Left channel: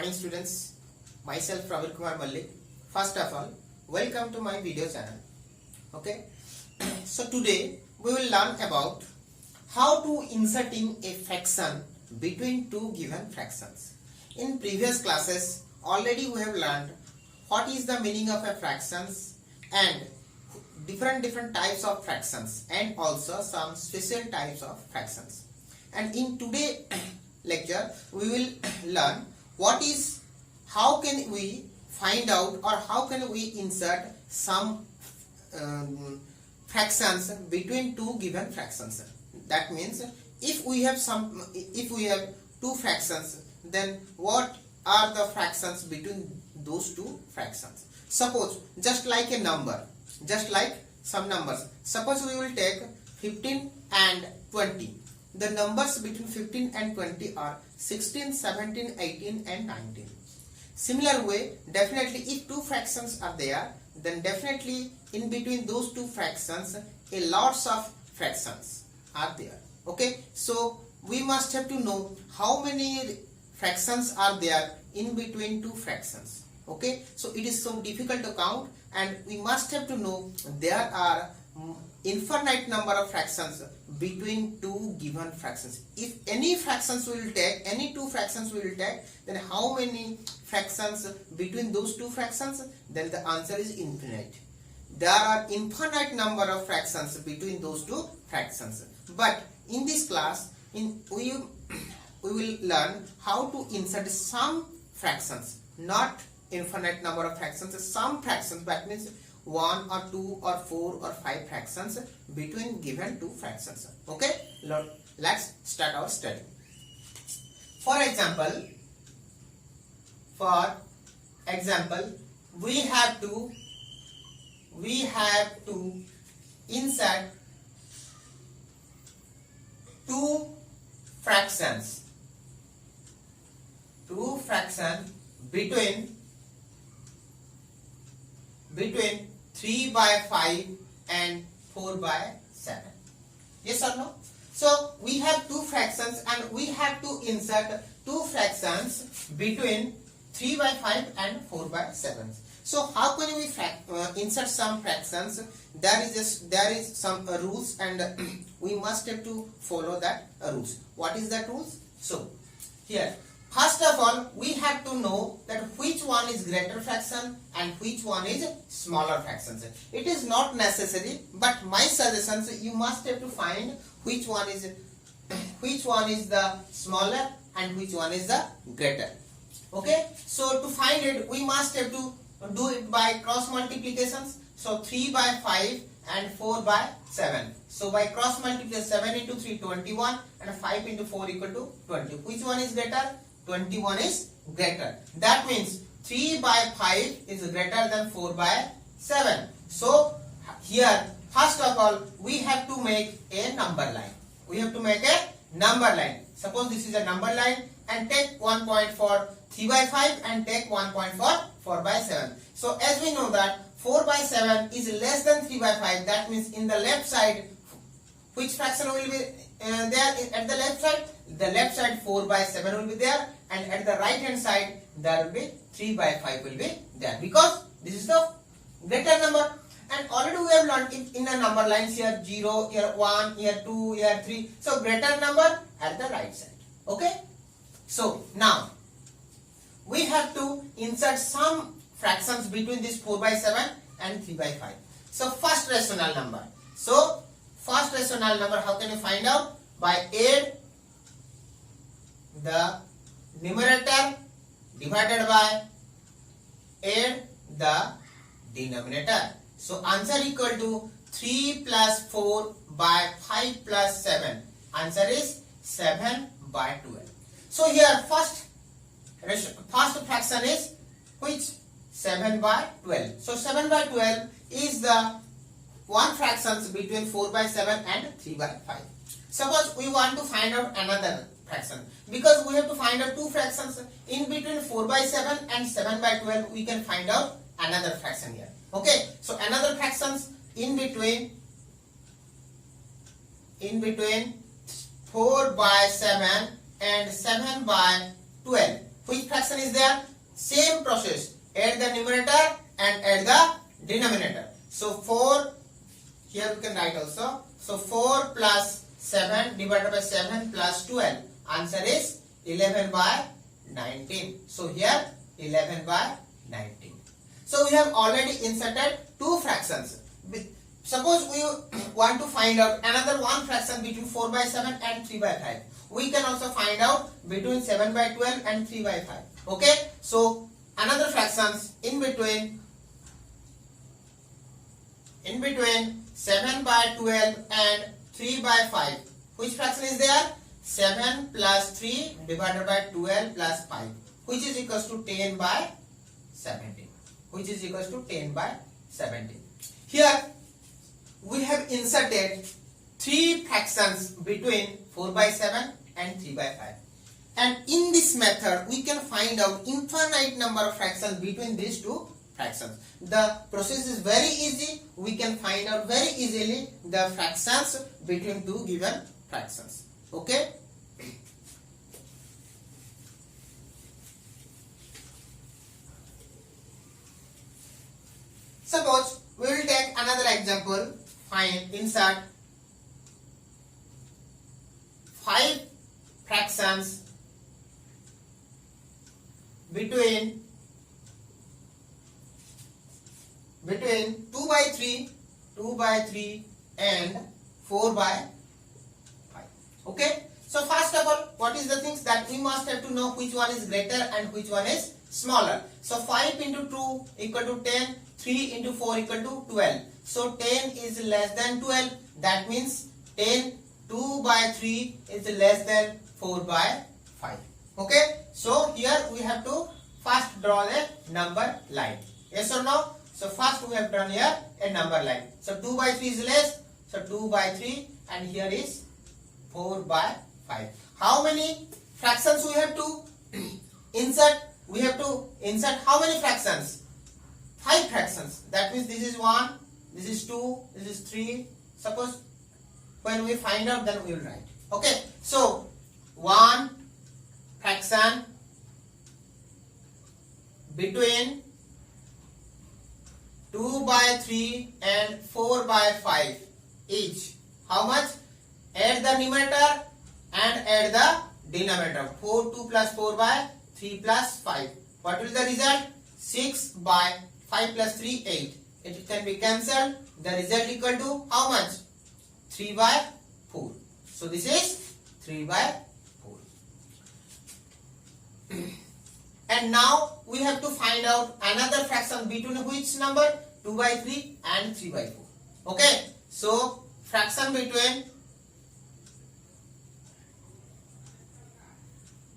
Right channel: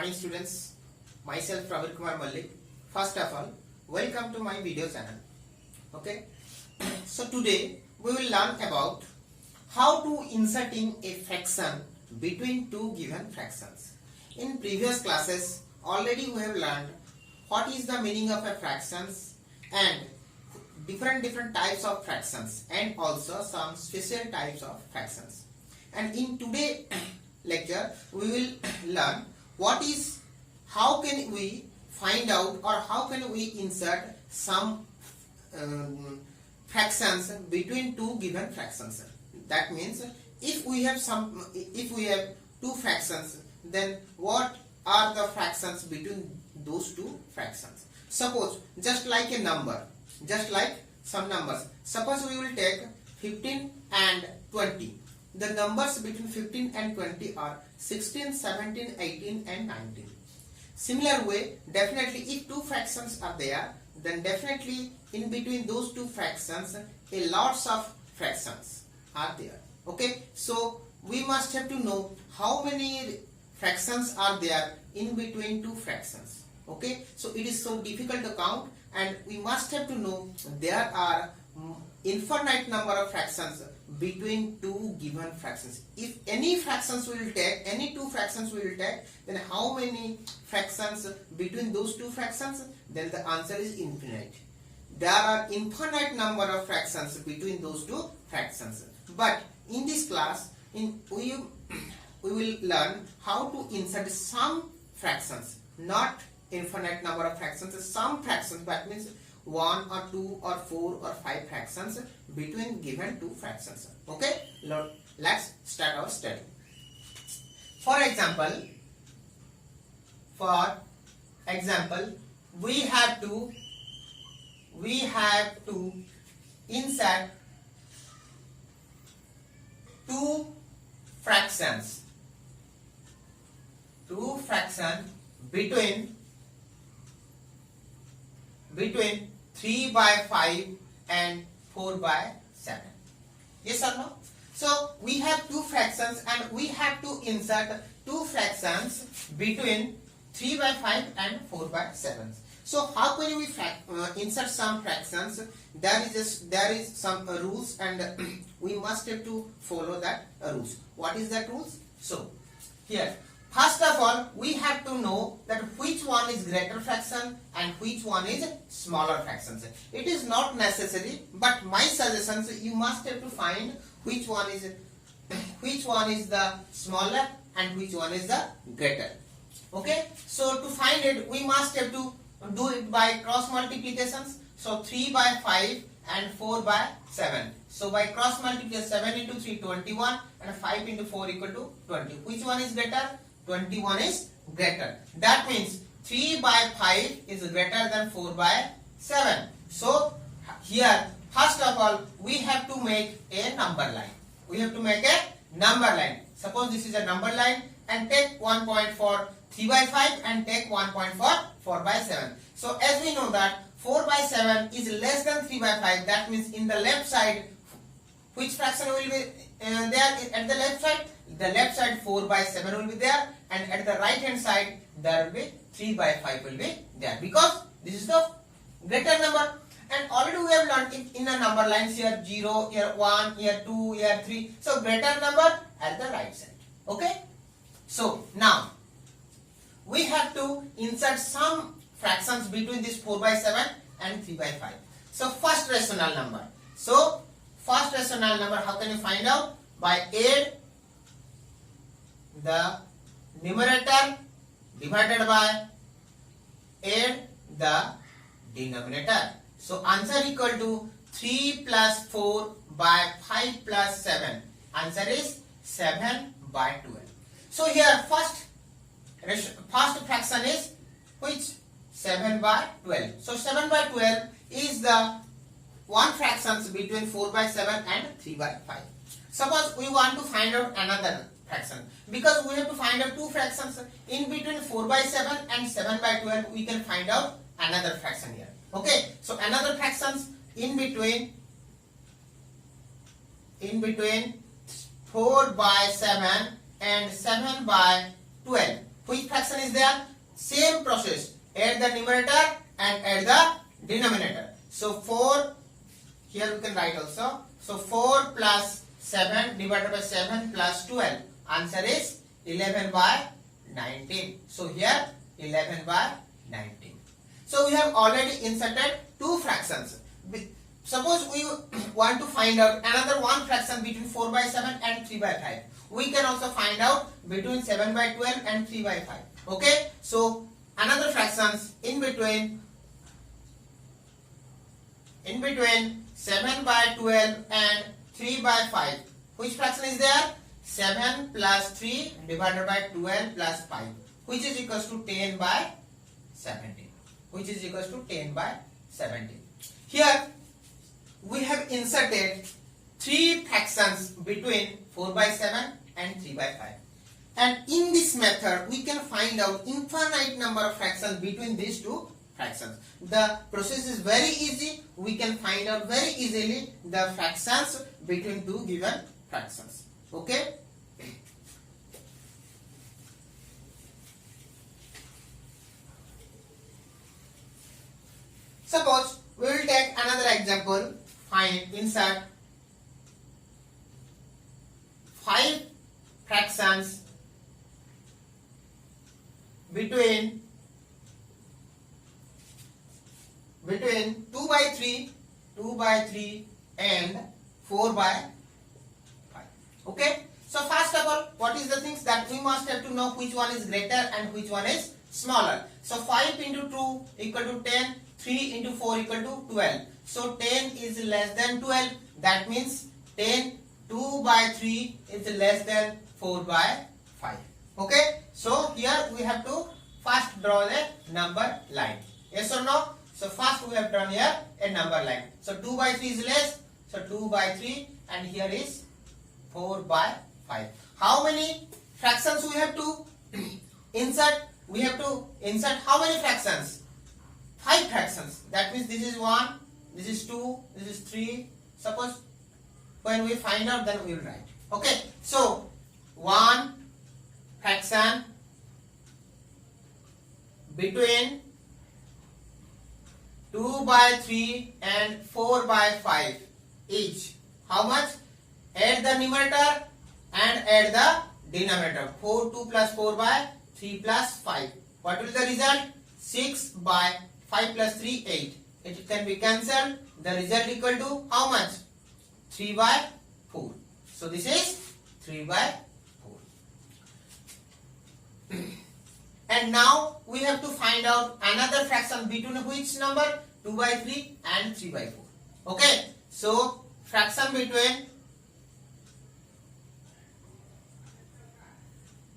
Morning students, myself Pravir Kumar Mallik. First of all, welcome to my video channel. Okay, so today we will learn about how to insert in a fraction between two given fractions. In previous classes, already we have learned what is the meaning of a fractions and different types of fractions and also some special types of fractions. And in today lecture, we will learn how can we find out or how can we insert some fractions between two given fractions. That means if we have two fractions, then what are the fractions between those two fractions? Suppose just like a number, just like some numbers. Suppose we will take 15 and 20. The numbers between 15 and 20 are 16, 17, 18 and 19. Similar way, definitely if two fractions are there, then definitely in between those two fractions, a lots of fractions are there. Okay, so we must have to know how many fractions are there in between two fractions. Okay, so it is so difficult to count, and we must have to know there are infinite number of fractions between two given fractions. If any fractions we will take, any two fractions we will take, then how many fractions between those two fractions? Then the answer is infinite. There are infinite number of fractions between those two fractions. But in this class, we will learn how to insert some fractions, not infinite number of fractions, some fractions. That means 1 or 2 or 4 or 5 fractions between given two fractions. Okay, let's start our study. For example, we have to insert two fractions between 3 by 5 and 4 by 7. Yes or no? So we have two fractions and we have to insert two fractions between 3 by 5 and 4 by 7. So how can we insert some fractions? There is some rules, and we must have to follow that rules. What is that rules? So here, first of all, we have to know that which one is greater fraction and which one is smaller fractions. It is not necessary, but my suggestions, you must have to find which one is the smaller and which one is the greater. Okay, so to find it, we must have to do it by cross multiplications. So 3 by 5 and 4 by 7. So by cross multiplication, 7 into 3, 21, and 5 into 4 equal to 20. Which one is greater? 21 is greater. That means 3 by 5 is greater than 4 by 7. So here, first of all, we have to make a number line. Suppose this is a number line, and take 1 point for 3 by 5 and take 1 point for 4 by 7. So as we know that 4 by 7 is less than 3 by 5, that means in the left side, which fraction will be there at the left side? The left side 4 by 7 will be there, and at the right hand side there will be 3 by 5 will be there, because this is the greater number. And already we have learned it in a number lines, here 0, here 1, here 2, here 3. So greater number at the right side. Okay. So now we have to insert some fractions between this 4 by 7 and 3 by 5. So first rational number. How can you find out? By add the numerator divided by add the denominator. So answer equal to 3 plus 4 by 5 plus 7. Answer is 7 by 12. So here first fraction is which? 7 by 12. So 7 by 12 is the one fraction between 4 by 7 and 3 by 5. Suppose we want to find out another fraction, because we have to find out two fractions in between 4 by 7 and 7 by 12. We can find out another fraction here. Okay, so another fractions in between 4 by 7 and 7 by 12. which fraction is there? Same process. Add the numerator and add the denominator. So 4, here we can write also. So 4 plus 7 divided by 7 plus 12. Answer is 11 by 19. So here 11 by 19. So we have already inserted two fractions. Suppose we want to find out another one fraction between 4 by 7 and 3 by 5. We can also find out between 7 by 12 and 3 by 5. Okay. So another fractions in between 7 by 12 and 3 by 5. Which fraction is there? 7 plus 3 divided by 12 plus 5, which is equals to 10 by 17. Which is equals to 10 by 17. Here we have inserted three fractions between 4 by 7 and 3 by 5. And in this method, we can find out infinite number of fractions between these two fractions. The process is very easy. We can find out very easily the fractions between two given fractions. Okay. Suppose we will take another example. Insert 5 fractions between 2 by 3 and 4 by 5. Okay. So first of all, what is the things that we must have to know which one is greater and which one is smaller. So 5 into 2 equal to 10, 3 into 4 equal to 12. So 10 is less than 12. That means 2 by 3 is less than 4 by 5. Okay. So here we have to first draw the number line. Yes or no? So first we have drawn here a number line. So 2 by 3 is less. So 2 by 3 and here is 4 by 5. How many fractions we have to insert? We have to insert how many fractions? 5 fractions. That means this is 1, this is 2, this is 3. Suppose when we find out, then we will write. Okay. So 1 fraction between 2 by 3 and 4 by 5 each. How much? Add the numerator and add the denominator. 2 plus 4 by 3 plus 5. What will the result? 6 by 5 plus 3, 8. It can be cancelled. The result equal to how much? 3 by 4. So this is 3 by 4. And now we have to find out another fraction between which number? 2 by 3 and 3 by 4. Okay. So fraction between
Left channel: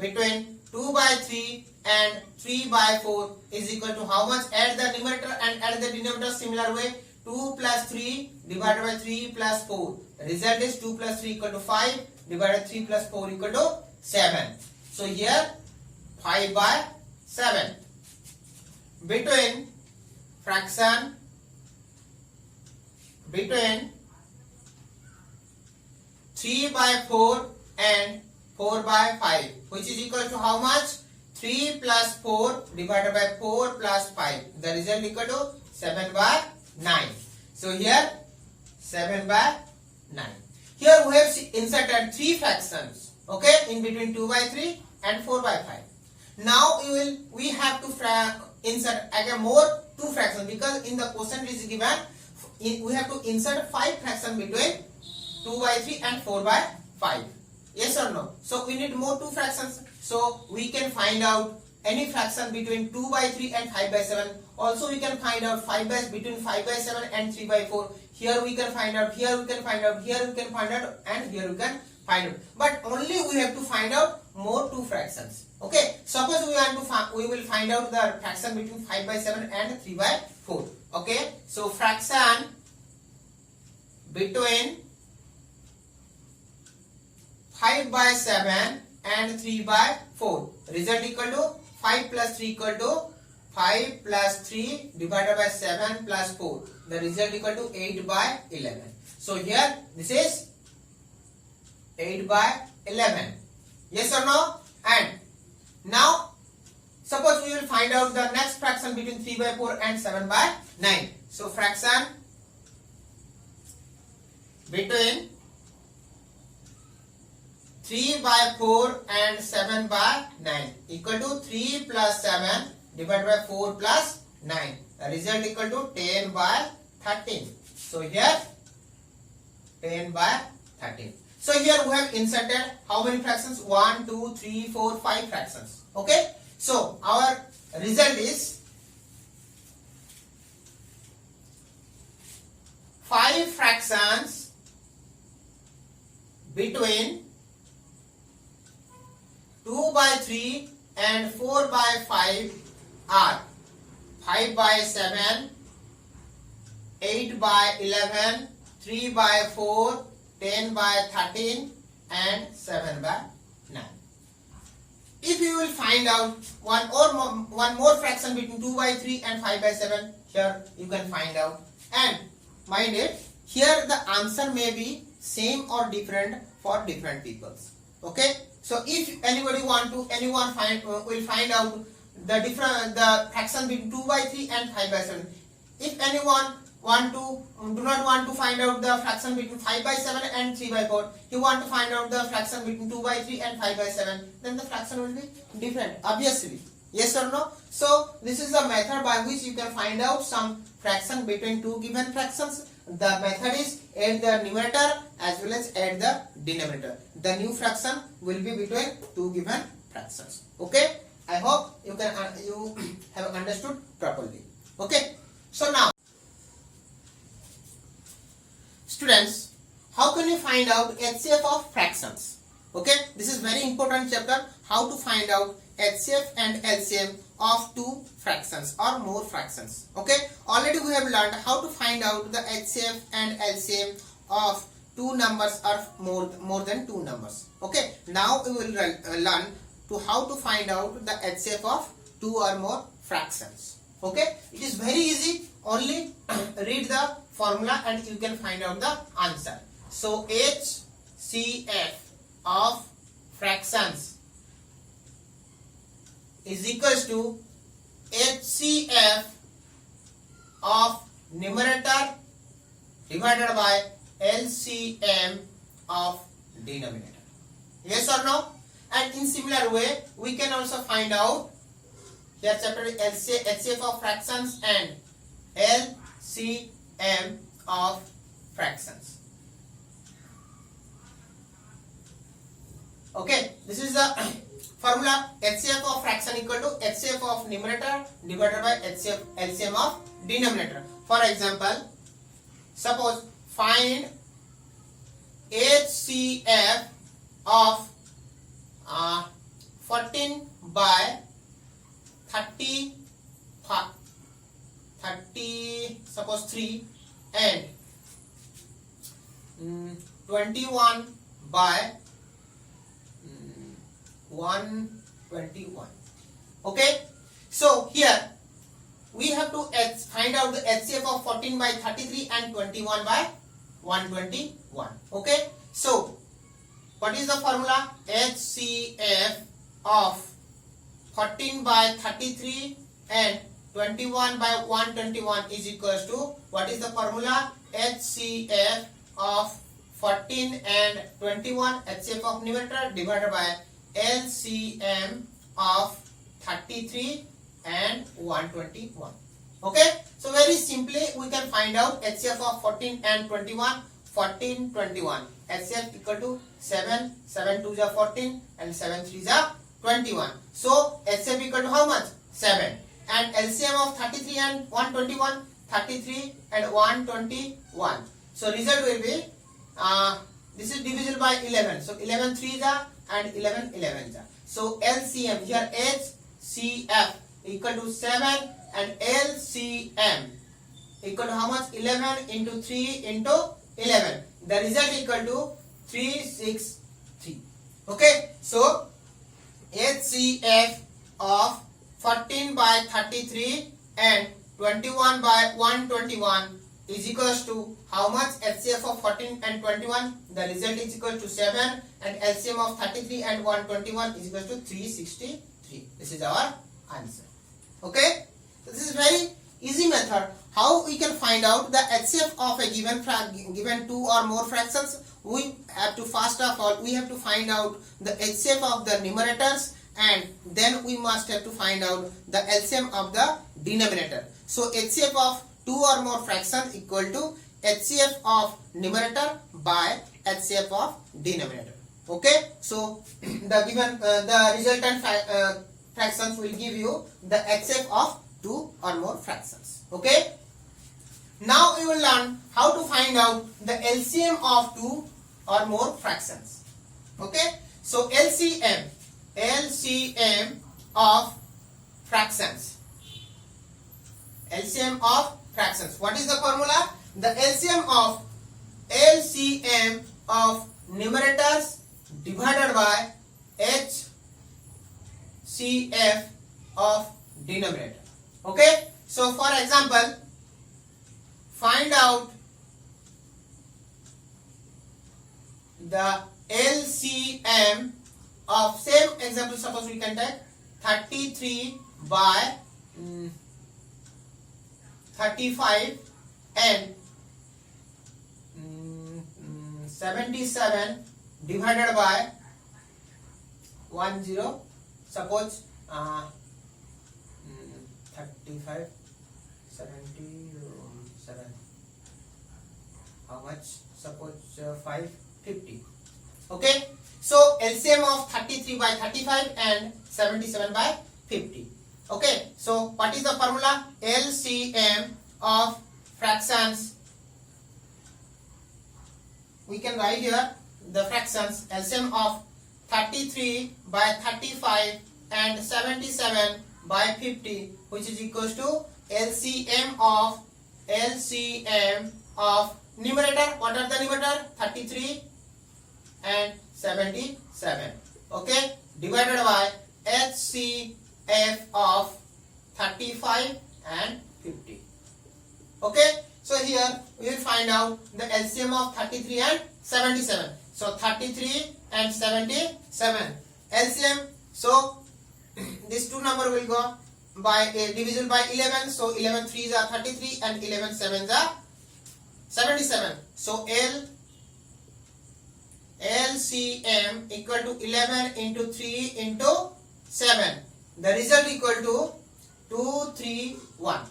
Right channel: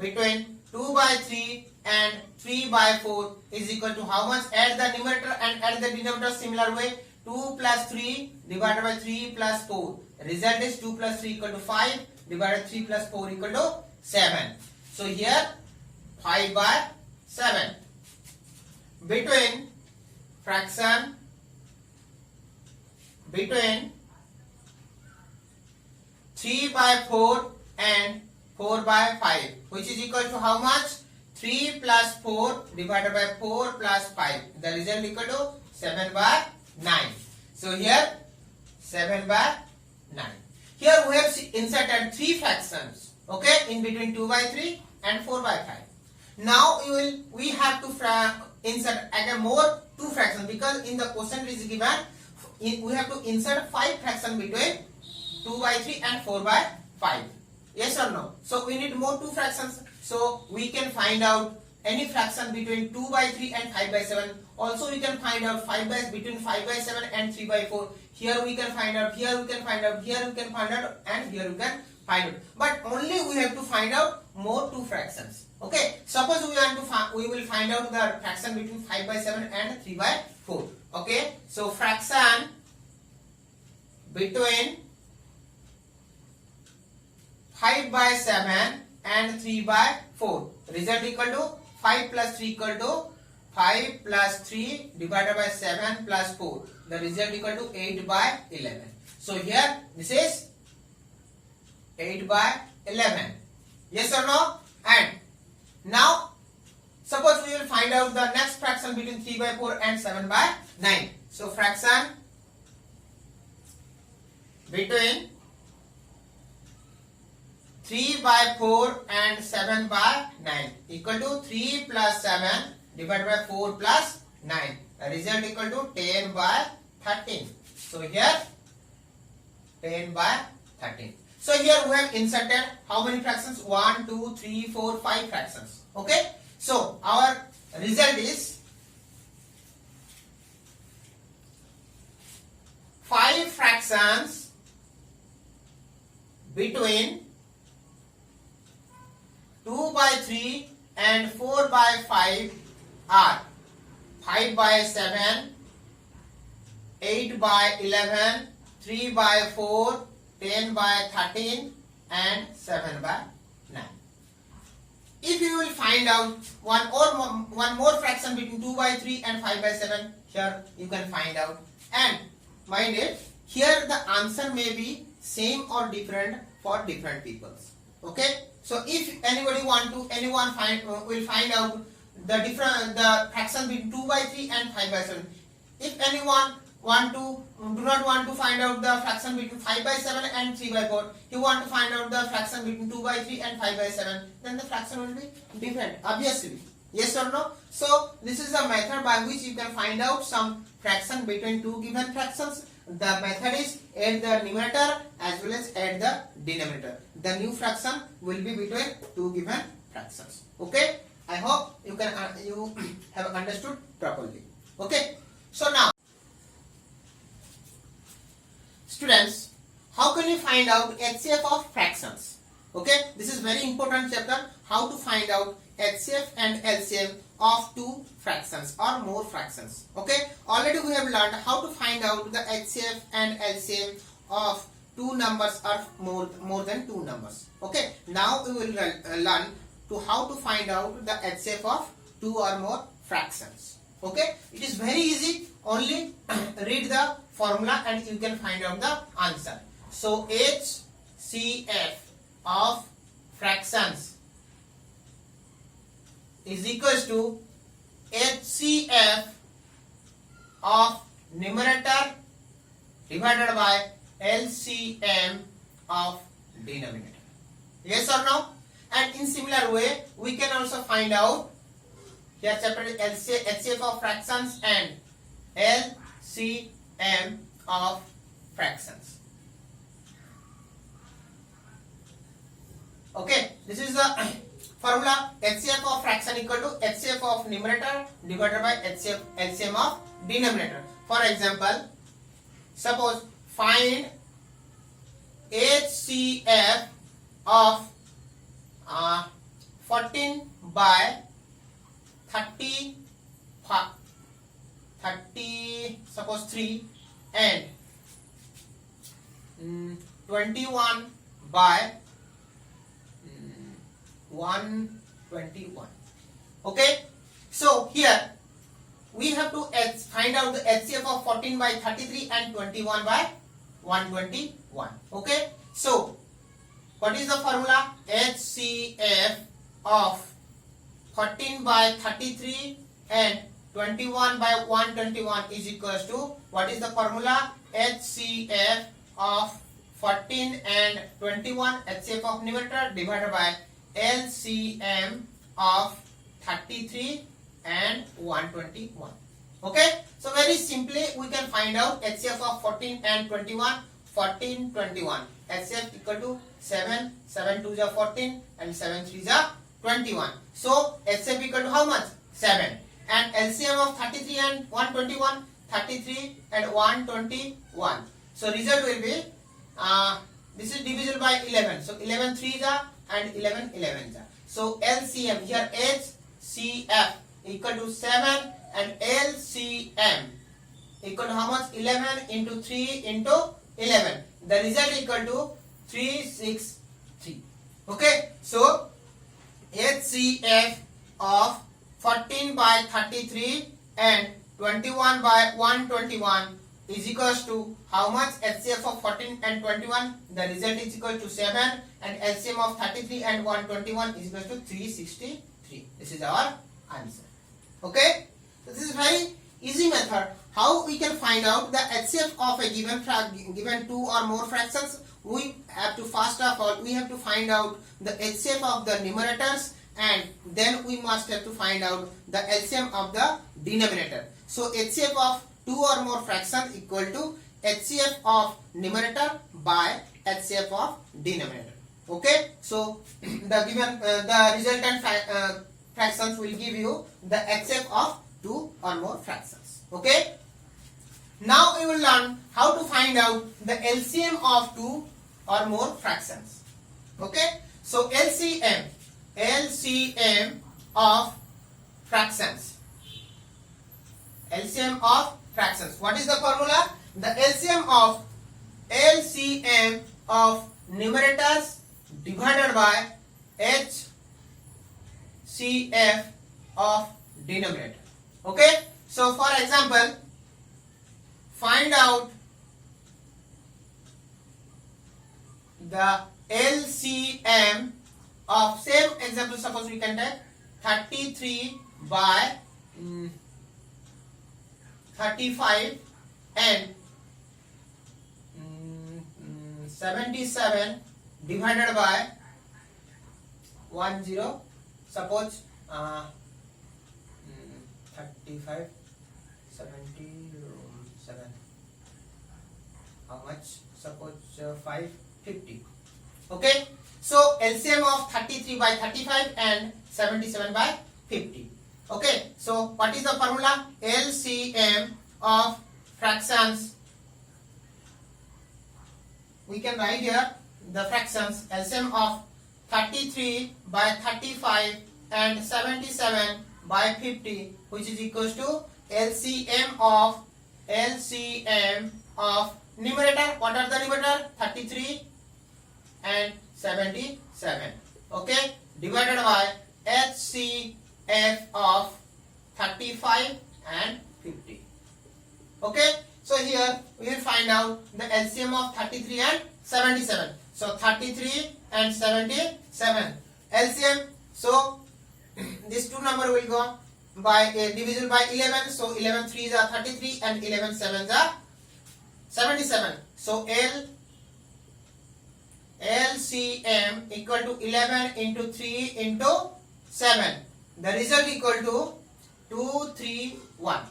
2 by 3 and 3 by 4 is equal to how much? Add the numerator and add the denominator similar way. 2 plus 3 divided by 3 plus 4. Result is 2 plus 3 equal to 5 divided 3 plus 4 equal to 7. So here 5 by 7. Between fraction between 3 by 4 and 4 by 5, which is equal to how much? 3 plus 4 divided by 4 plus 5. The result equal to 7 by 9. So here 7 by 9. Here we have inserted 3 fractions. Okay, in between 2 by 3 and 4 by 5. Now we have to insert again more 2 fractions, because in the question it is given we have to insert 5 fractions between 2 by 3 and 4 by 5. Yes or no? So we need more 2 fractions. So we can find out any fraction between 2 by 3 and 5 by 7. Also we can find out between 5 by 7 and 3 by 4. Here we can find out, here we can find out, here we can find out, and here we can find out. But only we have to find out more 2 fractions. Okay. Suppose we will find out the fraction between 5 by 7 and 3 by 4. Okay. So fraction between 5 by 7 and 3 by 4. Result equal to 5 plus 3 equal to 5 plus 3 divided by 7 plus 4. The result equal to 8 by 11. So here this is 8 by 11. Yes or no? And now suppose we will find out the next fraction between 3 by 4 and 7 by 9. So fraction between 3 by 4 and 7 by 9 equal to 3 plus 7 divided by 4 plus 9. The result equal to 10 by 13. So here 10 by 13. So here we have inserted how many fractions? 1, 2, 3, 4, 5 fractions. Okay. So our result is 5 fractions between 2 by 3 and 4 by 5 are 5 by 7, 8 by 11, 3 by 4, 10 by 13 and 7 by 9. If you will find out one more fraction between 2 by 3 and 5 by 7, here you can find out. And mind it, here the answer may be same or different for different peoples. Okay. So if anyone will find out the fraction between 2 by 3 and 5 by 7. If anyone do not want to find out the fraction between 5 by 7 and 3 by 4, you want to find out the fraction between 2 by 3 and 5 by 7, then the fraction will be different, obviously. Yes or no? So this is the method by which you can find out some fraction between two given fractions. The method is add the numerator as well as add the denominator. The new fraction will be between two given fractions. Okay? I hope you have understood properly. Okay? So now, students, how can you find out HCF of fractions? Okay, this is very important chapter, how to find out HCF and LCM of two fractions or more fractions. Okay, already we have learned how to find out the HCF and LCM of two numbers or more than two numbers. Okay, now we will learn to how to find out the HCF of two or more fractions. Okay, it is very easy. Only read the formula and you can find out the answer. So HCF of fractions is equals to HCF of numerator divided by LCM of denominator. Yes or no? And in similar way, we can also find out here chapter HCF of fractions and LCM of fractions. Okay, this is the formula. HCF of fraction equal to HCF of numerator divided by LCM of denominator. For example, suppose find HCF of 14 by 30 suppose 3 and 21 by 121. Okay, so here we have to find out the HCF of 14 by 33 and 21 by 121. Okay, so what is the formula? HCF of 14 by 33 and 21 by 121 is equals to, what is the formula? HCF of 14 and 21, HCF of numerator divided by LCM of 33 and 121. Okay, so very simply we can find out HCF of 14 and 21. 14, 21. HCF equal to 7, 7 2 is 14 and 7 3 is 21. So HCF equal to how much? 7. And LCM of 33 and 121, 33 and 121. So result will be, this is divisible by 11. So 11 3 is and 11 11 is. So LCM here HCF equal to 7 and LCM equal to how much? 11 into 3 into 11. The result equal to 363. Okay, so HCF of 14 by 33 and 21 by 121 is equals to how much? HCF of 14 and 21. The result is equal to 7 and LCM of 33 and 121 is equal to 363. This is our answer. Okay, so this is very easy method. How we can find out the HCF of a given two or more fractions? We have to, first of all, we have to find out the HCF of the numerators, and then we must have to find out the LCM of the denominator. So HCF of two or more fractions equal to HCF of numerator by HCF of denominator. Okay, so the given the resultant fractions will give you the HCF of two or more fractions. Okay, now we will learn how to find out the LCM of two or more fractions. Okay, so LCM of fractions. LCM of fractions. What is the formula? The LCM of numerators divided by HCF of denominator. Okay, so for example, find out the LCM of, same example, suppose we can take 33 by 35 and 77 divided by 10. Suppose 35 77, how much? Suppose 550. Okay, so LCM of 33 by 35 and 77 by 50. Okay, so what is the formula? LCM of fractions. We can write here the fractions. LCM of 33 by 35 and 77 by 50, which is equals to LCM of numerator. What are the numerator? 33 and 77. Okay, divided by HCF of 35 and 50. Okay, so here we will find out the LCM of 33 and 77. So 33 and 77 LCM. So this two number will go by divisible by 11. So 11 3s are 33 and 11 7s are 77. So LCM equal to 11 into 3 into 7. The result equal to 231.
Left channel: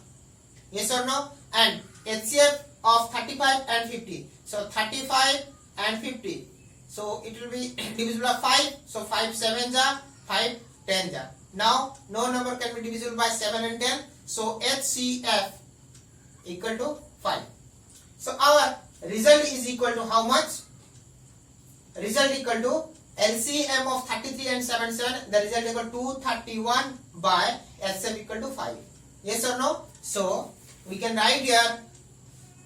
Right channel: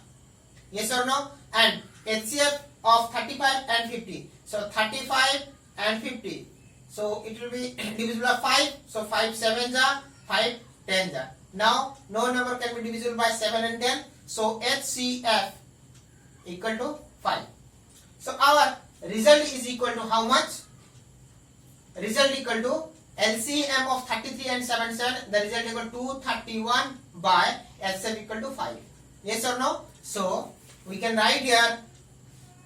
Yes or no? And HCF of 35 and 50. So 35 and 50. So it will be divisible by 5. So 5 7s are 5 10s are. Now no number can be divisible by 7 and 10. So HCF equal to 5. So our result is equal to how much? Result equal to LCM of 33 and 77. The result equal to 231 by HCF equal to 5. Yes or no? So we can write here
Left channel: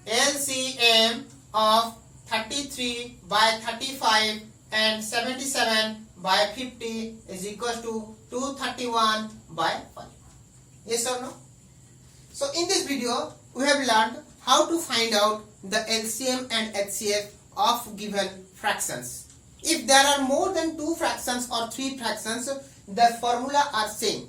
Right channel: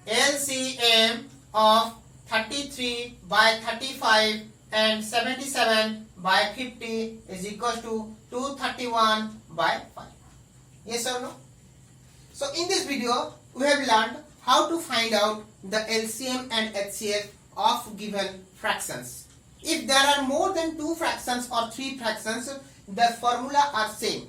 LCM of 33 by 35 and 77 by 50 is equal to 231 by 5. Yes or no? So in this video we have learned how to find out the LCM and HCF of given fractions. If there are more than two fractions or three fractions, the formula are same.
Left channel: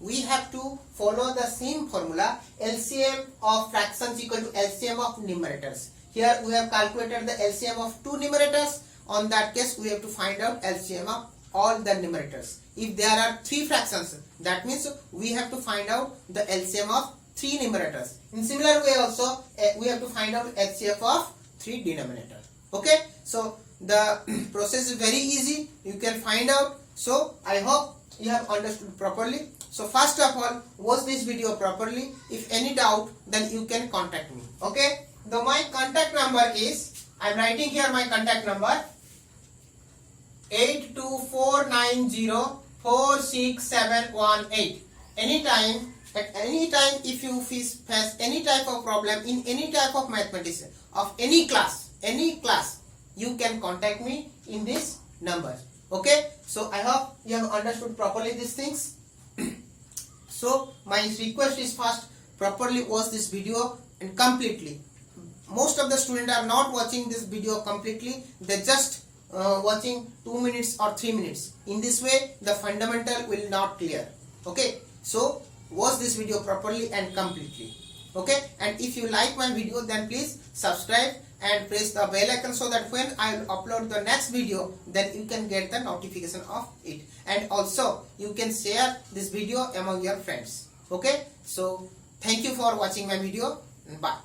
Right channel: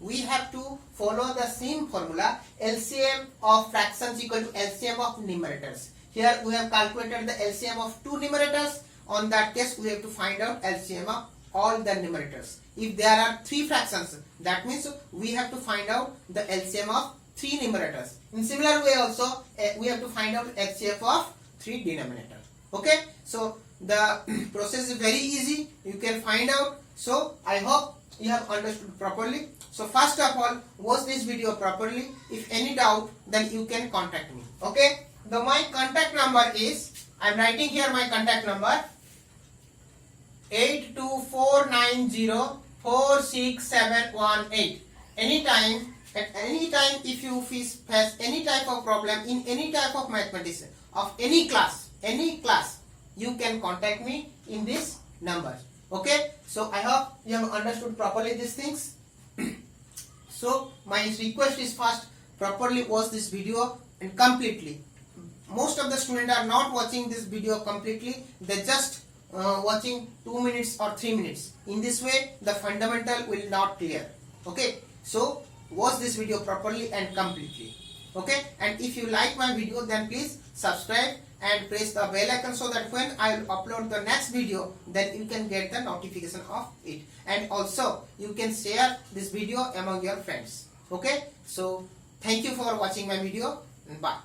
We have to follow the same formula. LCM of fractions equal to LCM of numerators. Here we have calculated the LCM of two numerators. On that case we have to find out LCM of all the numerators. If there are three fractions, that means we have to find out the LCM of three numerators. In similar way also we have to find out HCF of three denominators. Okay, so the process is very easy. You can find out. So I hope you have understood properly. So first of all, watch this video properly. If any doubt, then you can contact me. Okay, my contact number is, I am writing here my contact number 8249046718. Anytime, at any time, if you face any type of problem in any type of mathematics of any class, you can contact me in this number. Okay, so I hope you have understood properly these things. So my request is first properly watch this video and completely. Most of the students are not watching this video completely. They just watching 2 minutes or 3 minutes. In this way the fundamental will not clear. Okay, So watch this video properly and completely. Okay, and if you like my video, then please subscribe and press the bell icon so that when I will upload the next video, then you can get the notification of it. And also you can share this video among your friends. Okay, so thank you for watching my video and bye.